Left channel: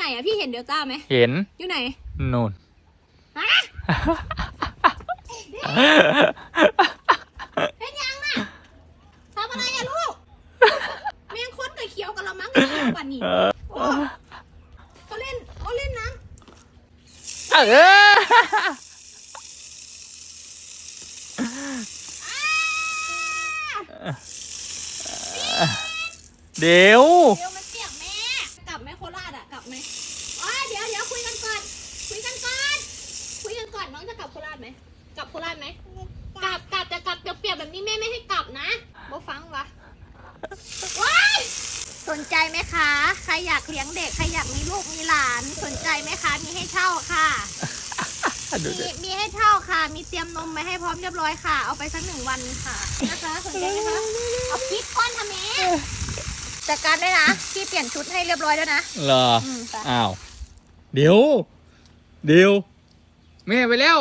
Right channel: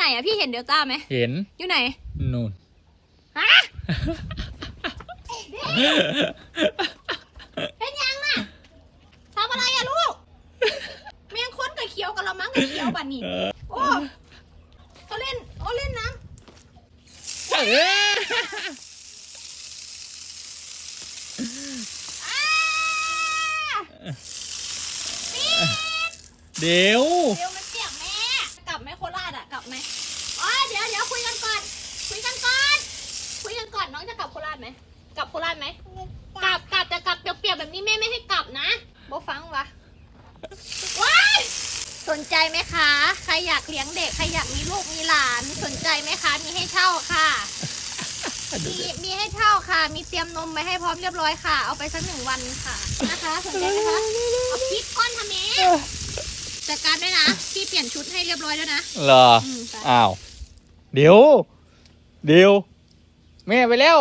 ไหนอะพี่เห็นเดลต้าไหมเห็นอยู่ไหนนู่นฮะเป็นยังอะทำอะไรอะลูกแมงค้นกับเขียวกับเรามั้งกับเขียวบัดนี้เออโอ้เขาเล่นเขาเล่นน้เออำเดี๋ยว ลับไหมอ๋อเดี๋ยวเดี๋ยวคุยกันก่อน คุยกันก่อน คุยกันก่อนน้องจะกลับโคราชไหม กลับโคราชไหม กลับกลับจะกลับเปียกๆแบบนี้แม่ไม่ให้กลับนะโบฟังวะว้ายสนใจไหมคะ ใครอยากเลี้ยงเด็ก ใครอยากมีลูกมีหลาน สนใจไหมคะ มีให้เช่าค่ะดูมีดิมีให้เช่าค่ะ มีเตรียมนมไว้ให้พร้อมเรียบร้อยค่ะ เอาไปสักหนึ่งวันค่ะ นะคะ สนใจไหมคะ เอาพริกก้อนทำเอง จัดการด้วยนะ พี่เปลี่ยนชุดให้เรียบร้อยแล้วนะเหรอ อืมไป อ้าว เดี๋ยว เดี๋ยว แม่ไปแล้ว